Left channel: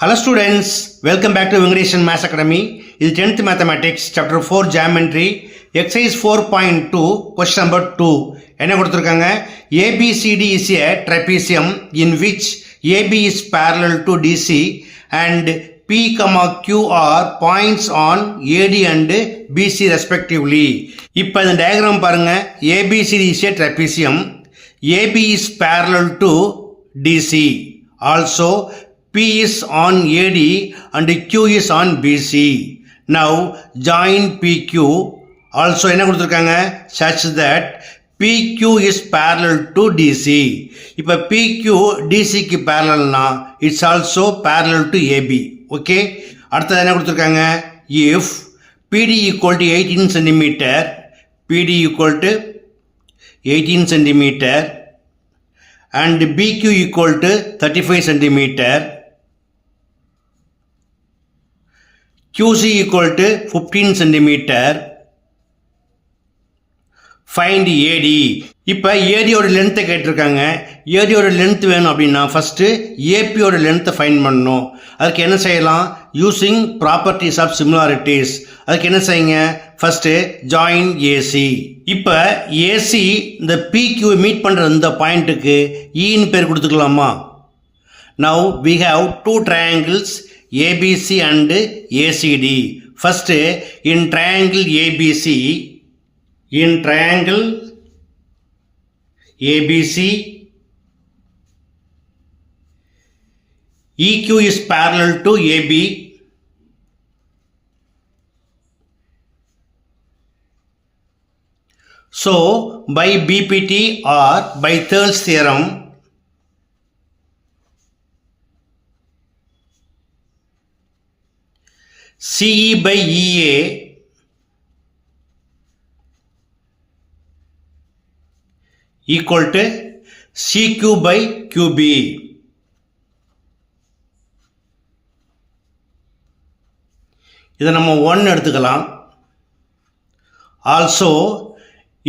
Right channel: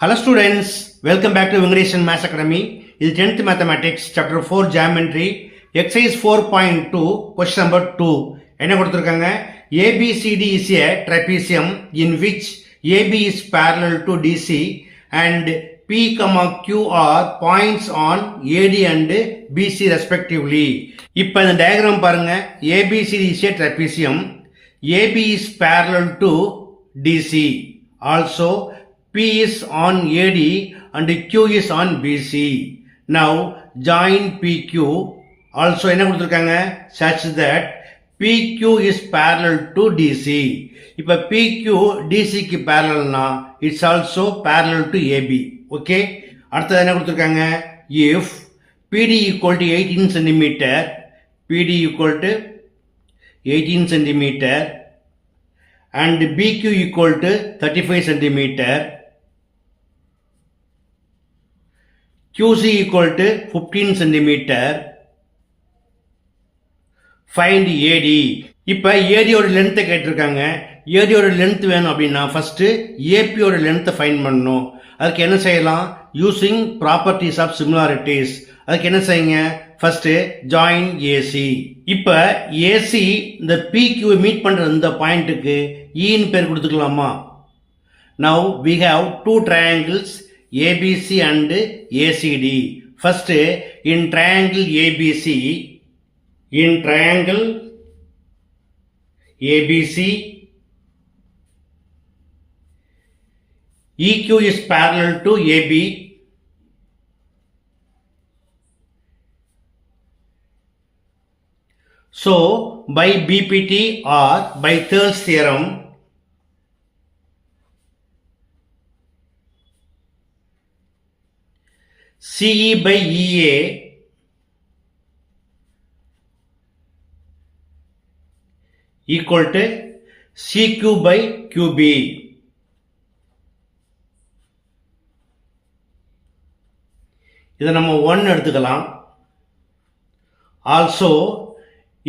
Hello students, welcome back to English and Maths Academy. This is 10th Mathematics, Chapter 4 Geometry, Exercise 4.2, Question number 2. என்ன கொடுத்திருக்காங்க? ABCD is a trapezium in which AB is parallel to DC and P, Q are points on AD and BC respectively. இப்போ இந்த டயக்ராம் பாருங்க. ABCD is a trapezium. AB is parallel to DC. Also P is on AD and Q is on BC. Now join PQ. Also என்ன கொடுத்திருக்காங்க? Such that PQ is parallel to DC. இப்போ PQ DC க்கு parallelனா it's also parallel to AB. Okay? அடுத்தது என்ன கொடுத்திருக்காங்க? If PD equal to 18 cm, PD equal to 18 cm and BQ equal to 35 cm, QC equal to 15 cm, find AD. இப்போ AD ஓட லென்த்தை கேட்டிருக்காங்க. AD ஓட லென்த் வேணும் அப்படின்னா ஃபர்ஸ்ட் AP ஓட லென்த்தை ஃபைண்ட் பண்ணணும். அதுக்கு என்ன செய்யலாம்? Using properties of similarities. அதுக்கு என்ன செய்யுங்க? First join AC. இப்போ AC இந்த PQ மீட் பண்ற இந்த பாயிண்ட்டுக்கு ஈன்னு பேர் கொடுத்துக்கலாமா? Now we have two triangles ABC and ACD. First in triangle ABC, EQ is parallel to AB. So by BPT or by Thirl's theorem, CE by EA equal to CQ by QB. இதை நம்ம 1 எடுத்துக்கலாம். Also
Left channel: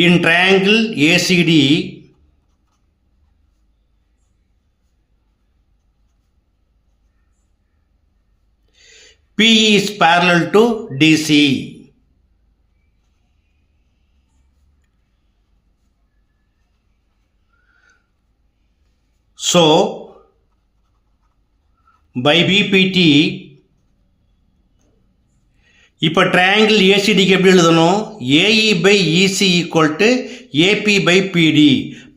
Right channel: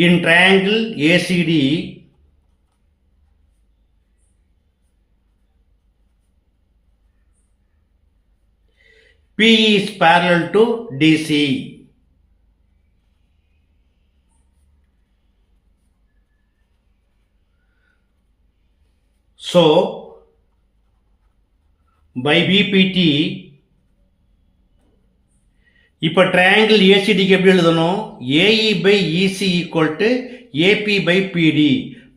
in triangle ACD, PE is parallel to DC. So by BPT, இப்போ triangle ACD க்கு எப்படி எழுதணும்? AE by EC equal to AP by PD.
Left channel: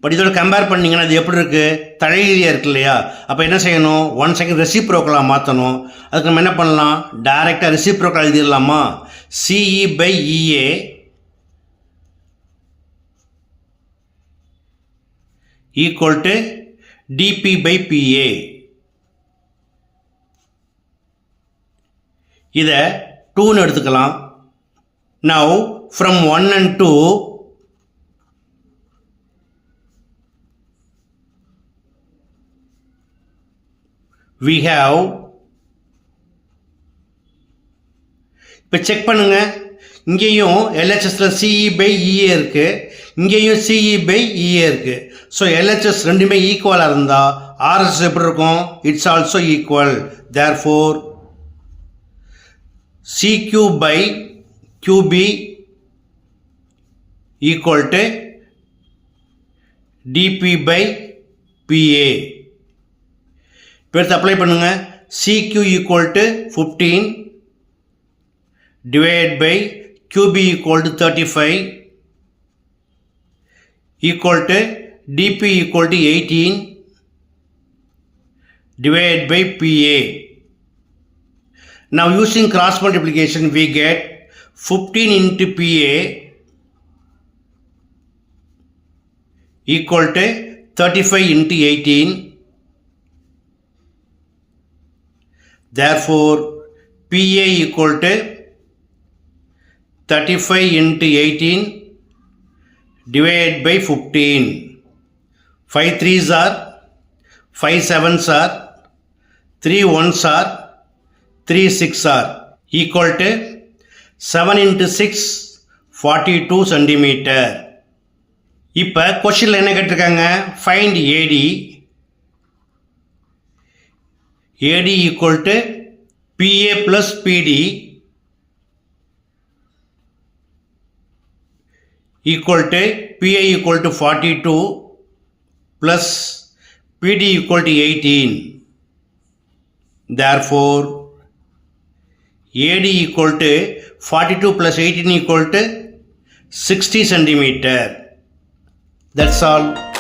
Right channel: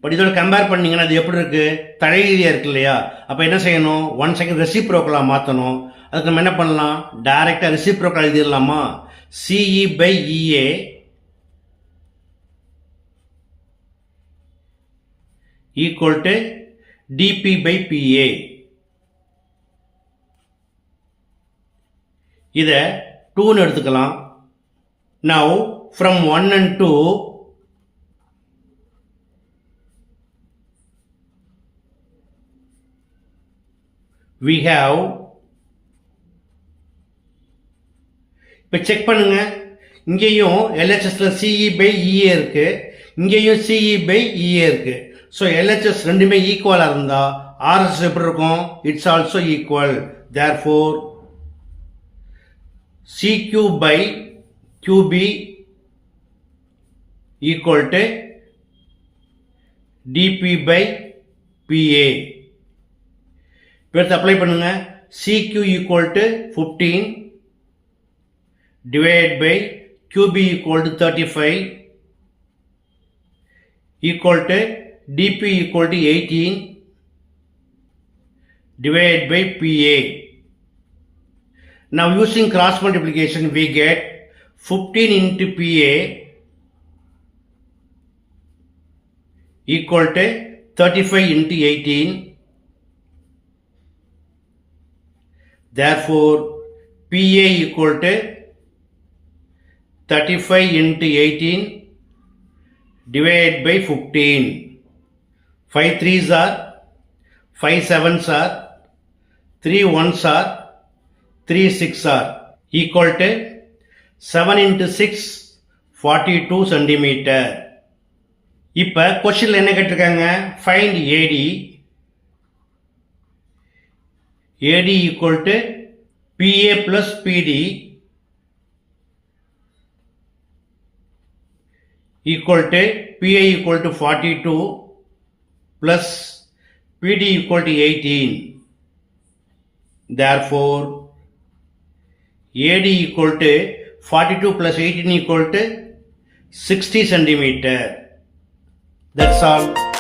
But இதோட கம்பேர் பண்ணீங்கன்னா அது எப்படி இருக்கு? தலையிலியா இருக்கு இல்லையா? அப்போ என்ன செய்யணும்? 1 செகண்ட் ரெசிப்ரோக்கலாக மாற்றணும். அதுக்கு நம்ம என்ன பண்ணலாம்? டைரெக்டாக ரெசிப்ரோக்கல் எழுதிடலாமா? CE by EA equal to DP by PA. இதை 2ன்னு எடுத்துக்கலாம். Now from 1 and 2 we have, இப்போ செக் பண்ணுங்க. இங்கேயும் LHSல CE by EA இருக்கு, இங்கேயும் CE by EA இருக்கு. ஸோ LHS ரெண்டுமே ஈக்குவலாக இருந்தால் RHS எப்படி இருக்கும்? It's also equal. Therefore CQ by QB equal to DP by PA. இப்போ அப்ளை பண்ணுங்க. CQ equal to 15 divided by QB equal to 35 equal to DP equal to 18 divided by PA. Now using cross multiplication we get 15 into PA equal to 35 into 18. Therefore PA equal to 35 into 18 divided by 15. 5 3s are, 5 7s are, 3 1s are, 3 6 are equal to 7 into 6 42 centimeter. இப்போ கொஸ்டின்ல என்ன கேட்டிருக்காங்க? Find AD. AD equal to PA plus PD equal to PA equal to 42 plus PD equal to 18. Therefore, AD equal to 42 plus 18 equal to 60 centimeter. That's all.